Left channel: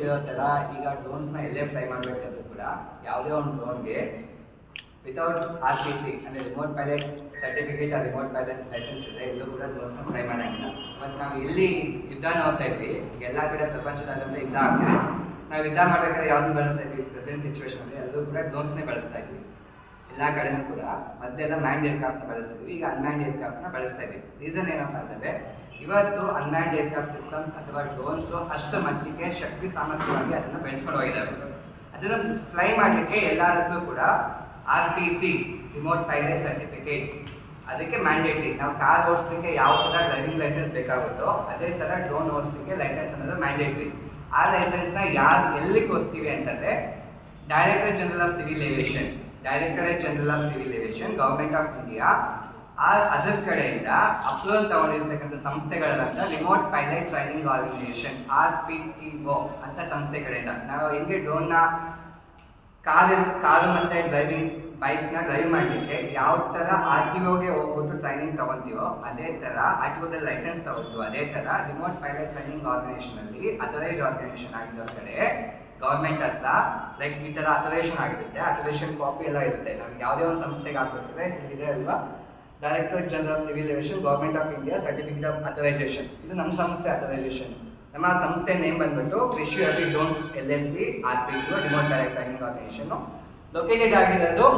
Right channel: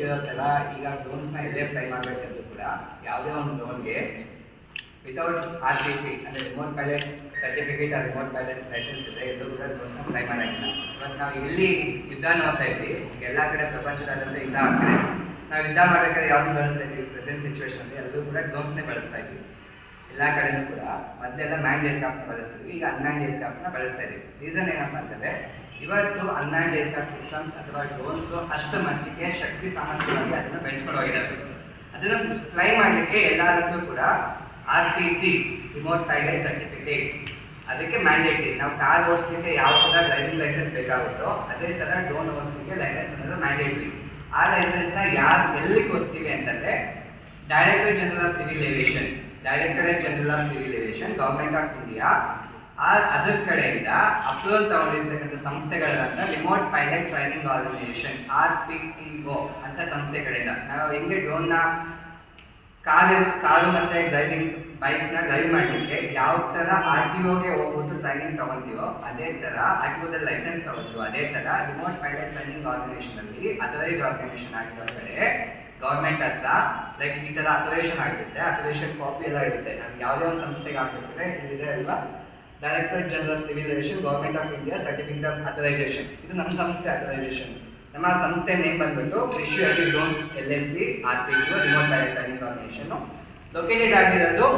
ಗೊತ್ತಿರೋ ಥರ ಈಗ ಡ್ರೋನ್ಸ್ನ ಎಲ್ಲೇ ಫ್ಲೈ ಮಾಡಬೇಕಂದ್ರೂ ಕೂಡ ಯಾವುದೇ ಒಂದು ಡ್ರೋನ್ಗೆ ವಿತೌಟ್ RTC ಅಂದರೆ ರಿಮೋಟ್ ಪೈಲಟ್ ಸರ್ಟಿಫಿಕೇಟ್ ಆ ರಿಮೋಟ್ ಪೈಲಟ್ ಲೈಸೆನ್ಸ್ ಇದೆ ಎಲ್ಲೂ ಕೂಡ ಡ್ರೋನ್ಸ್ನ ಫ್ಲೈ ಮಾಡೋಂಗಿಲ್ಲ. ಮತ್ತು ನಾವು ಎಲ್ಲಿ ಯುದ್ಧ ನೋಡ್ತಾ ಇದ್ವಿ, ಈಗ ಎಲ್ಲ ಕಡೆ ಪ್ರಪಂಚದಾದ್ಯಂತ ಯುದ್ಧ ಆಗ್ತಿದೆ. ನಾವು ಯುದ್ಧ ಮಾಡಬೇಕಾದ್ರೆ ಯಾವ್ದು ಬಳಸ್ತಾ ಇದ್ವಿ, ಪ್ರೆಸೆಂಟ್ ಸಿಚುವೇಶನಲ್ಲಿ ಎಲ್ಲರೂ ಕೂಡ ಡ್ರೋನ್ಸ್ನೇ ಬಳಸ್ತಾ ಇದ್ವಿ ಎಲ್ಲ ಕಡೆನೂ ಕೂಡ. ಮೊದಲೆಲ್ಲ ಮ್ಯಾಂಡ್ ಏರ್ಕ್ರಾಫ್ಟ್ನ ಬಳಸ್ತಿದ್ವಿ, ಈಗ ಅನ್ಮ್ಯಾಂಡ್ ಏರ್ಕ್ರಾಫ್ಟ್ನ ಬಳಸ್ತಾ ಇದ್ವಿ. ರೀಸನ್ ಏನಪ್ಪ ಅಂತಂದರೆ ಇವತ್ತು ಅನ್ಮ್ಯಾಂಡ್ ಏರ್ಕ್ರಾಫ್ಟ್ ಸಿಸ್ಟಮ್ಸ್ ಅಥವಾ ಡ್ರೋನ್ಸು ಅಷ್ಟು ಮಟ್ಟಿಗೆ ಶಕ್ತಿ ಸಾಮರ್ಥ್ಯವಾಗಿ ಅದನ್ನು ಬೆಳೆಸ್ಕೊಂಡು ಹೋಗಿದ್ದಾರೆ. ಅದನ್ನು ಫ್ಲೈ ಮಾಡಲಿಕ್ಕೆ ಎಲ್ಲದಕ್ಕೂ ಕೂಡ RTC ರಿಮೋಟ್ ಪೈಲಟ್ ಸರ್ಟಿಫಿಕೇಟ್ ಅದಕ್ಕೆ ಮ್ಯಾಂಡೇಟ್ರಿ. ನಾವು ಕಾರ್ ಓಡಿಸ್ಲಿಕ್ಕೆ ಯಾವ ಥರ ಡ್ರೈವಿಂಗ್ ಲೈಸೆನ್ಸ್ ಬೇಕಾಗುತ್ತೋ ಅದೇ ಥರ ಡ್ರೋನ್ ಓಡಿಸ್ಲಿಕ್ಕೆ ಲೈಸೆನ್ಸ್ ಅನ್ನೋದು ಮ್ಯಾಂಡೇಟ್ರಿ. ಆ ಲೈಸೆನ್ಸ್ನ ಯಾರು ಎಲ್ಲಿ ಕೊಡ್ತೀವಿ ಅಂತಂದರೆ directorate general of civil aviation government of India ಅದರ ಕಡೆಯಿಂದ ಅಪ್ರೂವಲ್ ತಗೊಂಡಿರ್ತಕ್ಕಂಥ ಸಂಸ್ಥೆಗಳಂತ remote pilot training organisation RPTO ಅಂತ ಸಂಸ್ಥೆ ಕಡೆಯಿಂದ ನಾವು ಹೆಂಗೆ ಡ್ರೋನ್ನ ಕಾರು ಮತ್ತು ಬೈಕ್ನ ಡ್ರೈವ್ ಮಾಡಲಿಕ್ಕೆ ಯಾವ ಥರ RTOಗೆ ಹೋಗ್ಬಿಟ್ಟು ಟ್ರೈನಿಂಗ್ ತೊಗೊತೀವೋ ಅದೇ ಥರ RTOದಲ್ಲಿ ಲೈಸೆನ್ಸ್ ತೊಗೊತೀವೋ ಅದೇ ಥರ ರಿಮೋಟ್ ಪೈಲಟ್ ಟ್ರೈನಿಂಗ್ ಆರ್ಗನೈಸೇಷನಲ್ಲಿ ಅಥರೈಸ್ ಆರ್ಗನೈಸೇಷನ್ ಆಗಿರೋ ಕಡೆ ಗೌರ್ಮೆಂಟ್ ಹತ್ರ ಲೈಕ್ ಈ ಥರ ಅಥರೈಸೇಷನ್ ಆಗಿರುತ್ತೆ, ಅಥರೈಸೇಷನ್ ಕಾಪಿ ಎಲ್ಲ ಇರುತ್ತೆ. ನಮ್ಗೆ ಯಾವುದೇ ಒಂದು ಸಂಸ್ಥೆಗೆ ಹಾಕ್ಬೇಕಿದ್ರೆ ಇಲ್ಲಿದೆ ಅಲ್ವಾ, directorate general of civil aviation government of India certificate of authorisation. ಇದು ನಮ್ಮ ಸಂಸ್ಥೆ ಅಥರೈಸೇಷನ್. ನಮ್ಮ ಸಂಸ್ಥೆ ನೇಮ್ ಬಂದ್ಬಿಟ್ಟು Krishi agri drones LLP RPTO remote pilot training organisation. Located ಆಗಿರೋದು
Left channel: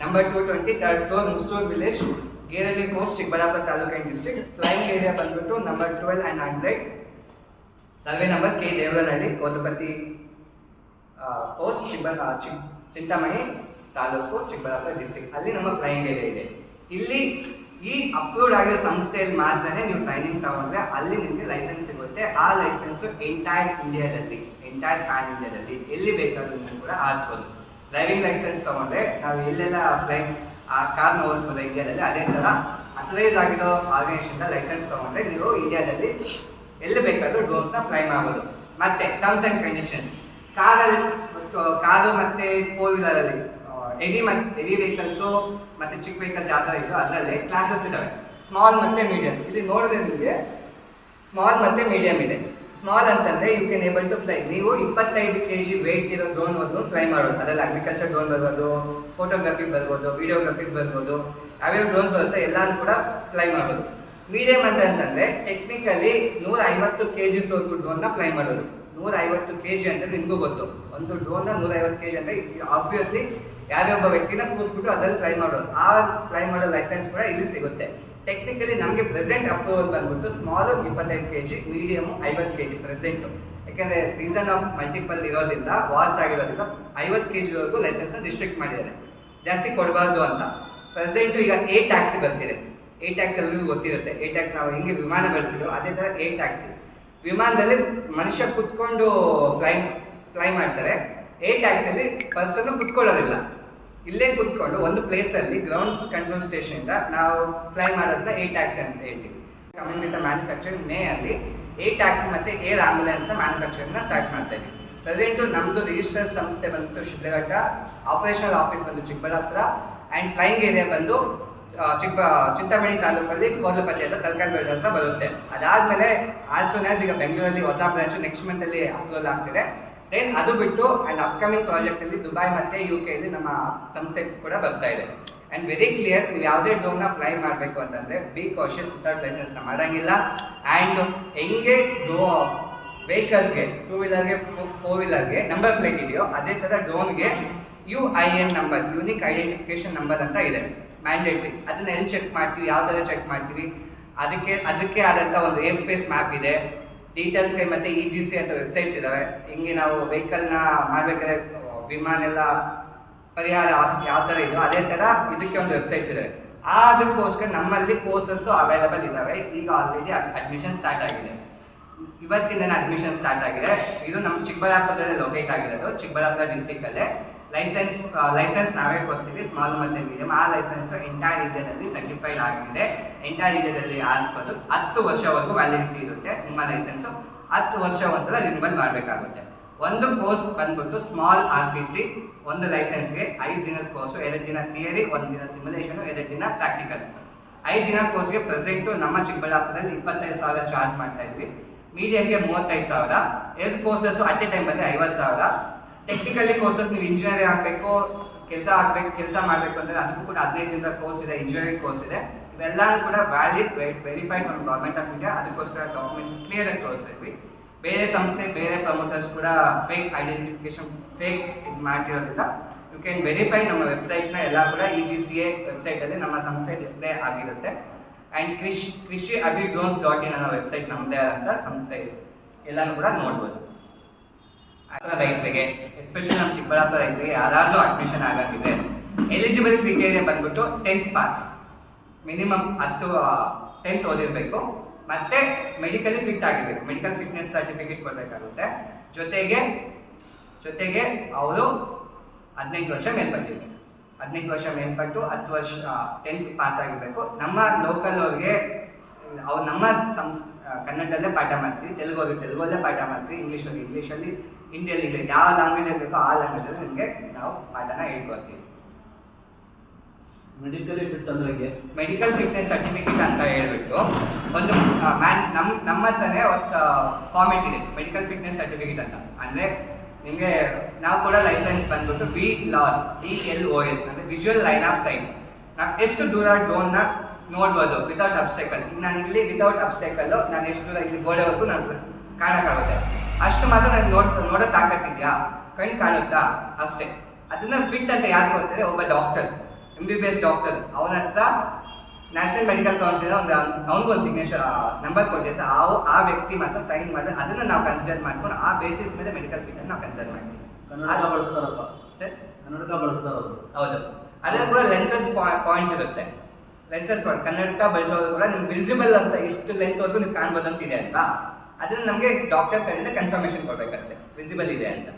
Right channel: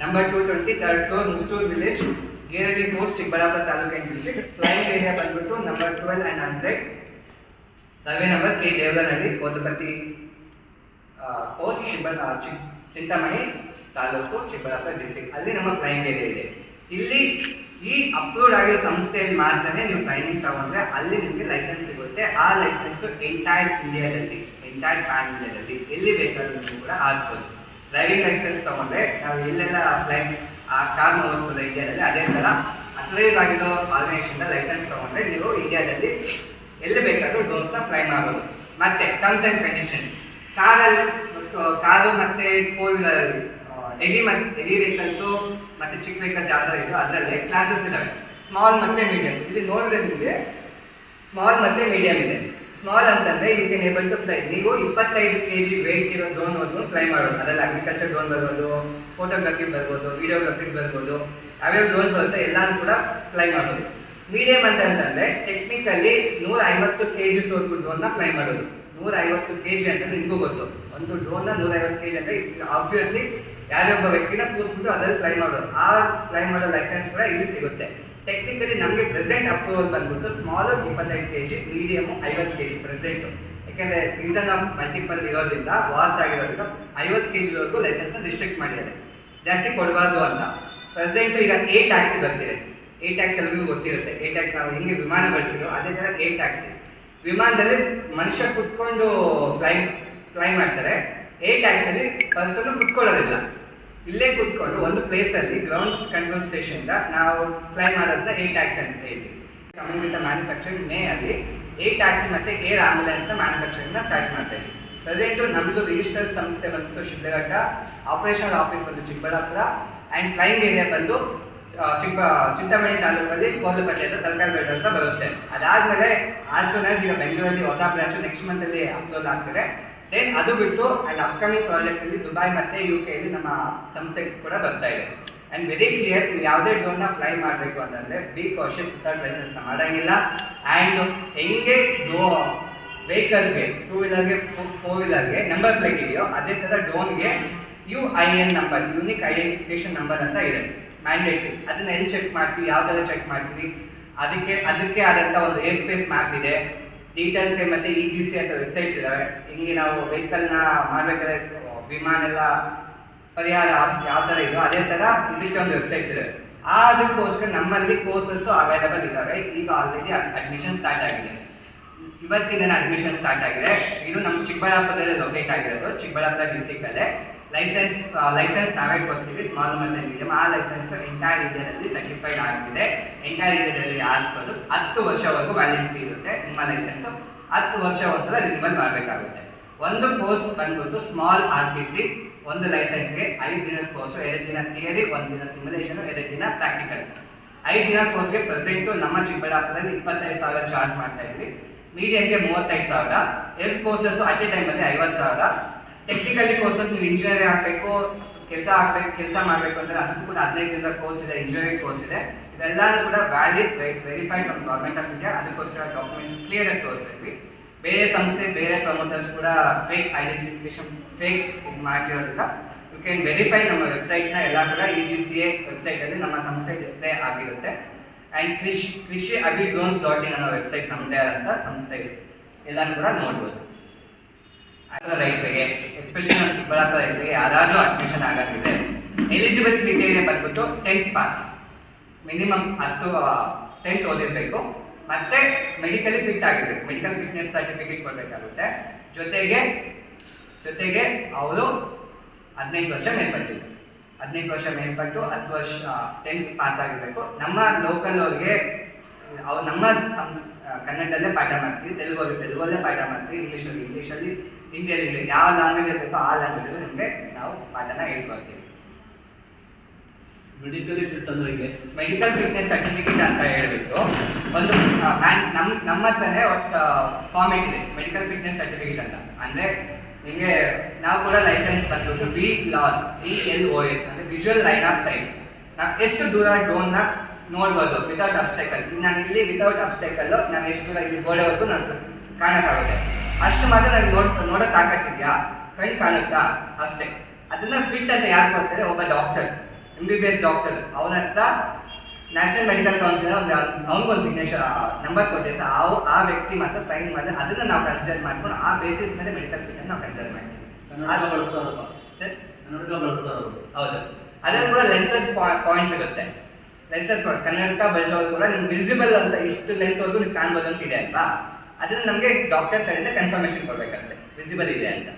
number 220 3rd floor Mustur village, Gerahalli post, Chikkaballapur taluk and district. Flying area ಬಂದ್ಬಿಟ್ಟು number 12 and 100, survey number K Devarahalli, Kolapathi post, Chintamani taluk, Chikkaballapur district. ಅಲ್ಲಿ ನಮ್ಮ ಫ್ಲೈಯಿಂಗ್ ಏರಿಯಾ ಇದೆ. ಇಲ್ಲಿ ಈ ಅಪ್ರೂವ್ಡ್ ಆಗಿರೋ ಸಂಸ್ಥೆಯಲ್ಲಿ ಮಾತ್ರನೇ ನೀವು ಟ್ರೈನಿಂಗ್ ತಗೊಂಡ್ರೆ ಅಲ್ಲಿ ನಿಮಗೆ ಲೈಸೆನ್ಸ್ ಸಿಗುತ್ತೆ. ಆ ಲೈಸೆನ್ಸು ಎಂಟೈರ್ ಪ್ಯಾನ್ ಇಂಡಿಯಾದಲ್ಲಿ ಎಲ್ಲಿ ಬೇಕಾದ್ರೂ ನೀವು ಕೂಡ ಆರಿಸ್ಬೋದು. ಡ್ರೈವಿಂಗ್ ಲೈಸೆನ್ಸ್ ತೊಗೊಂಡ್ರೆ ನಾವು ಎಲ್ಲೆಲ್ಲ ಕಾರ್ನ ಓಡಿಸ್ಬೋದು ಇಂಡಿಯಾದಲ್ಲಿ, ಅದೇ ಥರ ಅಥರೈಸ್ ಆಗಿರೋ ಆರ್ಗನೈಸೇಷನ್ ಲೈಸೆನ್ಸ್ ತೊಗೊಂಡ್ರೆ ನೀವು ಇಂಡಿಯಾದಲ್ಲಿ ಎಲ್ಲಿ ಬೇಕಾದರೂ ಡ್ರೋನ್ಸ್ನ ಫ್ಲೈ ಮಾಡ್ಬೋದು. ಮತ್ತು ಟರ್ಮ್ಸ್ ಆ್ಯಂಡ್ ಕಂಡೀಷನ್ಸ್, ಕಾರು ಮತ್ತು 4-ವೀಲರಲ್ಲಿ ಹೆವಿ ವೆಹಿಕಲ್ಸು ಮತ್ತು ಚಿಕ್ಕ ವೆಹಿಕಲ್ಸ್ ಯಾವ ಥರ ಇದೋ ಅದರಲ್ಲೇ ಕ್ಲಾಸಸ್ ಇದ್ದಾವೆ, ಸ್ಮಾಲ್ ಮತ್ತು ಮೀಡಿಯಮ್. ಇಲ್ಲಿ ನೋಡಿದ್ರೆ ನಿಮಗೆ ಸ್ಮಾಲ್ ಮತ್ತು ಮೀಡಿಯಮ್ ಇದೆ. ಸ್ಮಾಲ್ ಅಂತಂದರೆ you can able to fly. ನೀವು 25 kg ವೆಯ್ಟ್ ಇರೋ ಡ್ರೋನ್ ಹೋದ್ರು ಫ್ಲೈ ಮಾಡೋದು. ಅದರಲ್ಲಿ ಅಗ್ರಿಕಲ್ಚರ್ ಡ್ರೋನ್ ಬರ್ಬೋದು, ಫೋಟೋಗ್ರಫಿ ಬರ್ಬೋದು, ವಿಡಿಯೋಗ್ರಫೀಸ್ ಬರ್ಬೋದು, ಯಾವ್ಯಾವ ಡ್ರೋನ್ಸ್ ಬರುತ್ತೆ ಎಲ್ಲರೂ ಕೂಡ ಫ್ಲೈ ಮಾಡ್ಬೋದು. ಮೀಡಿಯಮ್ ಅಂತಂದರೆ ಟೆಕ್ನಿಕಲಿ 150 kg ಡ್ರೋನ್ನ ಫ್ಲೈ ಮಾಡೋದು. 150 kg ಅಂತ ನಿಮಗೂ ಗೊತ್ತು, ಒಂದು ಡ್ರೋನ್ನ 150 kg ಅಂದರೆ ಆಬ್ವಿಯಸ್ಲಿ ಯಾರೊಬ್ಬ ವ್ಯಕ್ತಿನ ಕೂರಿಸ್ಬಿಟ್ಟು ಅದರಲ್ಲಿ ಫ್ಲೈ ಮಾಡೋದು. ಆ ಫ್ಲೈ ಮಾಡೋ ಲೈಸೆನ್ಸ್ ಕೂಡ ಇಲ್ಲಿ ಸಿಗುತ್ತೆ. ಟೆಕ್ನಿಕಲಿ ನಮಗೆ ಪ್ರೆಸೆಂಟ್ ಅಪ್ರೂವಲ್ ಬಂದ್ಬಿಟ್ಟು small 25 kg, medium 50 kg present. ಯಾಕೆಂದರೆ ರೀಸನ್ ಆಫ್ ಮಲ್ಟಿಪಲ್ ಇರೋದ್ರಿಂದ, ವಾರ್ಸ್ ಆಗಿರೋದ್ರಿಂದ 50 kgವರೆಗೂ ಲೈಸೆನ್ಸ್ನ ರಿಸ್ಟ್ರಿಕ್ಟ್ ಮಾಡಿದ್ದಾರೆ, ಜಾಸ್ತಿ ಕೊಡಬಾರ್ದು ಅಂತ. ಪ್ರೆಸೆಂಟು ಈಗ A ಟ್ಯಾಕ್ಸಿ ಬರ್ತಿದೆ. A ಟ್ಯಾಕ್ಸ್ ಎಲ್ಲರಿಗೂ ಗೊತ್ತಿರುತ್ತೆ. A ಟ್ಯಾಕ್ಸ್ ನಾವು ಹೆಂಗೆ ವಿಮಾನ ಬಳಸಿದ್ರು ಅದೇ ಥರ A ಟ್ಯಾಕ್ಸಿ. ವಿಮಾನದಲ್ಲಿ ಮನುಷ್ಯ ಕುತ್ಕೊಂಡು ಫ್ಲೈ ಮಾಡ್ತಾರೆ. A ಟ್ಯಾಕ್ಸಲ್ಲಿ ಪರ್ಸನ್ನು ಕುತ್ಕೊಳ್ಳೋದಿಲ್ಲ, ಇಲ್ಲೇ ಕುತ್ಕೊಂಡು ಒಂದು ಪ್ಲೇಸಲ್ಲಿ ಗ್ರೌಂಡ್ ಕಂಟ್ರೋಲ್ ಸ್ಟೇಷನಿಂದ ನಾವು ಫ್ಲೈ ಮಾಡೋದನ್ನ A ಟ್ಯಾಕ್ಸಿ ಅಂತ ಹೇಳ್ತೀವಿ. ಕಮಿಂಗ್ ವಿತ್ ಮ್ಯಾನುಫ್ಯಾಕ್ಚರಿಂಗ್ ಮೇ ಅಲ್ಲಿ A ಟ್ಯಾಕ್ಸಿ ಮತ್ತು ಏರ್ ಆಂಬ್ಯುಲೆನ್ಸ್ನ ಮ್ಯಾನುಫ್ಯಾಕ್ಚರಿಂಗ್ನ ಸ್ಟಾರ್ಟ್ ಮಾಡ್ತಾ ಇದ್ವಿ. ಪ್ರೆಸೆಂಟು ನಮ್ಮದು ರಿಜಿಸ್ಟರ್ ಸಂಸ್ಥೆ ಬಂದು ಶಿಡ್ಲಘಟ್ಟ, ಆಪರೇಷನಲ್ ಆಫೀಸ್ ಬಂದು ಚಿಕ್ಕಬಳ್ಳಾಪುರ, ಆ್ಯಂಡ್ ಫ್ಲೈಯಿಂಗ್ ಏರಿಯಾ ಬಂದು ಚಿಂತಾಮಣಿ ತಾಲೂಕಲ್ಲಿ ಕೋರ್ಲಪತಿ ಅಂತ ತಲಕಾಲ್ಬೇಡ ಅಂತ ಬರುತ್ತೆ. ಅದಾದಮೇಲೆ ಆಸ್ ಈಗ ಬೆಂಗಳೂರಲ್ಲಿ ಹೊಸ ಬ್ರಾಂಚು ನೆಕ್ಸ್ಟ್ ಮಂತಲ್ಲಿ ಅಪ್ರೂವಲ್ ಆಗ್ತಿದೆ. ದೆನ್ ಅದು ಬಿಟ್ಟು ಆ್ಯಂಡ್ ಅಪ್ಕಮಿಂಗ್ ಪ್ರಾಜೆಕ್ಟಲ್ಲಿ ದುಬೈ ಮತ್ತು UK ನಮ್ಮ ಸಂಸ್ಥೆ ಕೂಡ ಬರ್ತಾ ಇದೆ. ಆ್ಯಂಡ್ ವೆರಿ ಕ್ಲಿಯರ್, ನೀವು ಯಾವುದೇ ಡ್ರೋನ್ನ ಫ್ಲೈ ಮಾಡಬೇಕು ಅಂತಂದರೆ ಬಿ ಕಾಷಿಯಸ್, ವಿತೌಟ್ ಲೈಸೆನ್ಸ್ನ ಮಾಡೋಂಗಿಲ್ಲ. ಆ್ಯಂಡ್ ಹೆಂಗೆ ವೆಹಿಕಲ್ಸ್ಗೆ 2-ವೀಲರ್ಗೆ 4-ವೀಲರ್ಗೆ ನಂಬರ್ ಪ್ಲೇಟ್ ಇದೆಯೋ ಅದೇ ಥರ ಡ್ರೋನ್ಗೆ UIN number, unique identification number ಅಂತ ಇದೆ, ಮ್ಯಾಂಡೇಟ್ರಿ. ಅದನ್ನ ಎಲ್ಲಿ ಚೆಕ್ ಮಾಡ್ತೀವಿ, ಯಾವ ಥರ ಚೆಕ್ ಮಾಡ್ತೀವಿ, ಅದಕ್ಕೆ ಆದಂಥ ಒಂದು ಏರ್ ಸ್ಪೇಸ್ ಮ್ಯಾಪ್ ಇದೆ, ಡೀಟೇಲ್ಸ್ಗೆ ಮತ್ತು EGC ಅಂತ ವೆಬ್ಸೈಟ್ಸ್ ಇದ್ದಾವೆ. ಹಿಂಗೆ ನಾವು ವೆಹಿಕಲ್ನ ಮಾಡಬೇಕಾದ್ರೆ ವಿಮಾನ ಎಲ್ಲ ಪರಿಹಾರ ಯಾವ ಥರ ಇದೆಯೋ ಅದೇ ಥರ ಇದಕ್ಕೆ ಒಂದು ವೆಬ್ಸೈಟ್ಸ್ ಇದ್ದಾವೆ. ಅದಕ್ಕೋಸ್ಕರ ನಮ್ಮಲ್ಲಿ ಕೋರ್ಸಸ್ಸು ಅವೈಲೇಬಲ್ ಇದ್ದಾವೆ. ಈಗ ಆಲ್ರೆಡಿ ಅಡ್ಮಿಷನ್ ಸ್ಟಾರ್ಟ್ ಆಗಿದೆ, ಇವತ್ತಿನ ಅಡ್ಮಿಷನ್ ಸ್ಟಾರ್ಟ್ ಆಗಿದೆ. ಇದು ನಮ್ಮ ಚಿಕ್ಕಬಳ್ಳಾಪುರದಲ್ಲೇ ಲೊಕೇಟ್ ಆಗಿರೋದು, ಚಿಕ್ಕಬಳ್ಳಾಪುರ ಡಿಸ್ಟಿಕಲ್ಲೇ. ಲೈಸೆನ್ಸ್ ನಾವೇ ಕೊಡ್ತೀವಿ, ಸ್ಮಾಲ್ ಮತ್ತು ಮೀಡಿಯಮ್. ಆ ಲೈಸೆನ್ಸು ಎಂಟೈರ್ ಇಂಡಿಯಾದಲ್ಲಿ ಸರ್ಟಿಫೈಡ್ ಆಗಿದೆ. ಎಂಟೈರ್ ಇಂಡಿಯಾದಲ್ಲಿ ಆರಿಸ್ಬೋದು. 10 ವರ್ಷವರೆಗೂ ವ್ಯಾಲಿಡಿಟಿ ಇರುತ್ತೆ ನಿಮ್ಮ ಲೈಸೆನ್ಸು. 10 ವರ್ಷ ಒಂದ್ಸಲ ರಿನ್ಯೂವಲ್ ಮಾಡಬೇಕಾಗುತ್ತೆ. ಒಂದು ಕೋರ್ಸ್ ಬಂದ್ಬಿಟ್ಟು ಸ್ಮಾಲ್ RTC, ಒಂದು ಲೈಸೆನ್ಸ್ಗೆ 5 ದಿನದ ಕೋರ್ಸು, 2 ದಿನ ಥಿಯರಿ, 1 ದಿನ ಸಿಮ್ಯುಲೇಷನು, 2 ದಿನ ಪ್ರಾಕ್ಟಿಕಲ್. 5 ದಿನ ಕೋರ್ಸ್ಗೆ ಪ್ರೆಸೆಂಟು ನಮ್ಮ ಚಿಕ್ಕಬಳ್ಳಾಪುರದಲ್ಲಿ 25,000 ಚಾರ್ಜ್ ಮಾಡ್ತಾ ಇದ್ವಿ. ಮೀಡಿಯಂಗೆ 35,000, health courses at A time ಬಂದರೆ 50,000. ಟೆಕ್ನಿಕಲಿ ಕೋರ್ಸಸ್ ನೀವು ಇಂಜಿನಿಯರಿಂಗ್ ಆಗಬೇಕು, ಕೆಲಸ ಮಾಡಬೇಕು ಅಂದರೆ ಅದಕ್ಕೂ ಕೂಡ 15 ಕೋರ್ಸ್ ಇದೆ, ಇಂಜಿನಿಯರಿಂಗ್ ಕೋರ್ಸ್ ಇದೆ. ಇವೆಲ್ಲನೂ ಕೂಡ valid, verified from government of India. ಅದಕ್ಕೋಸ್ಕರ ಡಾಕ್ಯುಮೆಂಟ್ಸ್ ಕ್ಲಿಯರ್ ಆಗಿ ತೋರಿಸಿದ್ವಿ. ಬೇರೆ ಸಂಸ್ಥೆ, ಬೇರೆ ಪ್ರಮೋಟರ್ಸ್ ಕೂಡ ಫೇಕ್ ಐಡೆಂಟಿಫಿಕೇಶನ್, ಫೇಕ್ ಇದು ಮಾಡ್ತಿರೋದ್ರಿಂದ ಯು ಕ್ಯಾನ್ ವೆರಿಫೈ. ನಮ್ಮ ವೆಬ್ಸೈಟ್ನ ಎಲ್ಲ ಕೂಡ EGCA ವೆಬ್ಸೈಟಲ್ಲಿ ನಮ್ಮ ಸಂಸ್ಥೆ ಡಿಸ್ಪ್ಲೇ ಆಗಿರುತ್ತೆ. ಆ್ಯಂಡ್ krishiabhidrones.in ಅನ್ನೋ ವೆಬ್ಸೈಟ್ ನಮ್ಮದೇ ಆದಂಥ ಸಂಸ್ಥೆ ಇದೆ, ಎಲ್ಲನೂ ಕೂಡ ನೋಡ್ಬೋದು. ರೈತರಿಗೆ, ಎಸ್ಪೆಷಲಿ ನಮ್ಮ ಚಿಕ್ಕಬಳ್ಳಾಪುರ ರೈತರಿಗೆ ಯಾರಾದರೂ ಅಡ್ಮಿಷನ್ ಆಗೋದಿದೆ, ಎಲಿಜಿಬಲ್ ಕ್ರಿಟೇರಿಯಾ ಬಂದ್ಬಿಟ್ಟು 10th ಪಾಸ್, ಮಿನಿಮಮ್ 10th ಓದಿರಬೇಕು, ಮತ್ತೆ ಮೆಡಿಕಲಿ ಫಿಟ್ ಆಗಿರಬೇಕು, ಮೆಡಿಕಲ್ ಫಿಟ್ನೆಸ್ ಸರ್ಟಿಫಿಕೇಟ್ ಕೊಡಬೇಕಾಗುತ್ತೆ. ಜೊತೆಗೆ ಅವರು 18 ವರ್ಷ ಮೇಲ್ಪಟ್ಟಿರಬೇಕು. 18 ವರ್ಷ ಮೇಲ್ಪಟ್ಟು 10 ವರ್ಷ 10th ಪಾಸ್ ಆಗಿರಬೇಕು. ನಮ್ಮ ಲೋಕಲ್ ಅವ್ರಿಗೆ ನಮ್ಮ ಕನ್ನಡದಲ್ಲೇ ಪಾಠ ಮಾಡ್ತೀವಿ, ತೆಲುಗಲ್ಲೇ ಪಾಠ ಮಾಡ್ತೀವಿ, ಇಂಗ್ಲೀಷಲ್ಲಿ, ಹಿಂದಿಯಲ್ಲಿ, ಯಾವ ಲ್ಯಾಂಗ್ವೇಜಲ್ಲಿ ಬೇಕೋ ಆ ಲ್ಯಾಂಗ್ವೇಜಲ್ಲಿ ನಿಮಗೆ ನಾವು ಪಾಠನ ಹೇಳ್ಕೊಡ್ತೀವಿ. ಮೆಡಿಕಲಿ ಫಿಟ್ ಅಂದ್ರೆ ಮೆಡಿಕಲ್ ಫಿಟ್ನೆಸ್ ಸರ್ಟಿಫಿಕೇಟ್ ಅಂತ ಹೇಳ್ಬಿಟ್ಟು ಒಂದು ನಮ್ಮ ಹತ್ರನೇ ಒಂದು ಫಾರ್ಮೇಟ್ ಇದೆ, ಮೆಡಿಕಲ್ ಫಿಟ್ನೆಸ್ ಸರ್ಟಿಫಿಕೇಟ್ ಅಂತ. ಅಂದರೆ ನಿಮಗೆ ನಾವು ಕೂಡ ಲೈಸೆನ್ಸ್ ಬಂದ್ಬಿಟ್ಟು VLOS ಅಂದರೆ ವಿಜುವಲ್ ಲೈನ್ ಆಫ್ ಸೈಟ್. ನಾವು ಎಷ್ಟು ದೂರ ಡ್ರೋನ್ನ ನೋಡ್ಬೋದು ವಿತೌಟ್ ಅಬ್ಸ್ಟೈಕಲ್. ನಾನು ಇಲ್ಲಿ ವಿತೌಟ್ ಅಬ್ಸ್ಟೈಕಲ್ಲು ನಾನು ಎಷ್ಟು ದೂರ ಇಲ್ಲಿ ಗೋಡೆವರೆಗೂ ನಾನು ಕಾಣೋಕ್ಕಾಗುತ್ತೆ, ಅಷ್ಟು ಮಾತ್ರ ನನಗೆ ನೋಡೋ ತಾಕತ್ತಿದೆಯಾ, ಕಣ್ಣು ಕಾಣುತ್ತಾ ಅಷ್ಟೇ. ಅದನ್ನು ಫಿಟ್ ಅಂತ ಯಾರು ಕೊಡ್ತಾರೆ? ಒಬ್ಬ ಡಾಕ್ಟರ್, MBBS ಡಾಕ್ಟರ್, ಅವನ ಹತ್ರ ನ್ಯಾಷನಲ್ ಮೆಡಿಕಲ್ ಕೌನ್ಸಿಲ್ ಅವ್ನಿಗೊಂದು ಸಿಗ್ನೇಚರ್ ನಂಬರ್ ಕೊಟ್ಟಿರ್ತಾರೆ. ಆ ವ್ಯಕ್ತಿ ಮಾತ್ರ ಸೈನ್ ಮಾಡಿದ್ರೆ ಅದನ್ನು ನಾವು ಕನ್ಸಿಡರ್ ಮಾಡ್ಕೊಂಡು ಆ ಬೇಸಿಸ್ ಮೇಲೆ ಮೆಡಿಕಲ್ ಫಿಟ್ ನಾವು ಕನ್ಸಿಡರ್ ಮಾಡ್ತೀವಿ. ಸರ್ ಹೌದು, ಅದ್ರಲ್ಲಿ ಕೂಡ ಲೆನ್ಸಸ್ ಪಾಯಿಂಟ್ಸ್ ಇರುತ್ತೆ. ಲೆನ್ಸಸ್ ಕನ್ನಡಕ ಬಳಸೋದು ಕೂಡ ನಿಮ್ಗೆ ವಿಸಿಬಲ್ ಅಂತ ಇಷ್ಟು ಲೆಂತ್ವರೆಗೂ ನೀವು ಕಾಣ್ಬೋದು ಅಂತ ಇದೆ ಅಲ್ವಾ, ಅದನ್ನು ನಮಗೆ ಡಾಕ್ಟರ್ ಕಡೆಯಿಂದ ಕನ್ಫರ್ಮೇಷನ್ ಕೊಡಬೇಕಷ್ಟೇ ವಿಸಿಬಲ್ ಇದೆ ಅಂತ.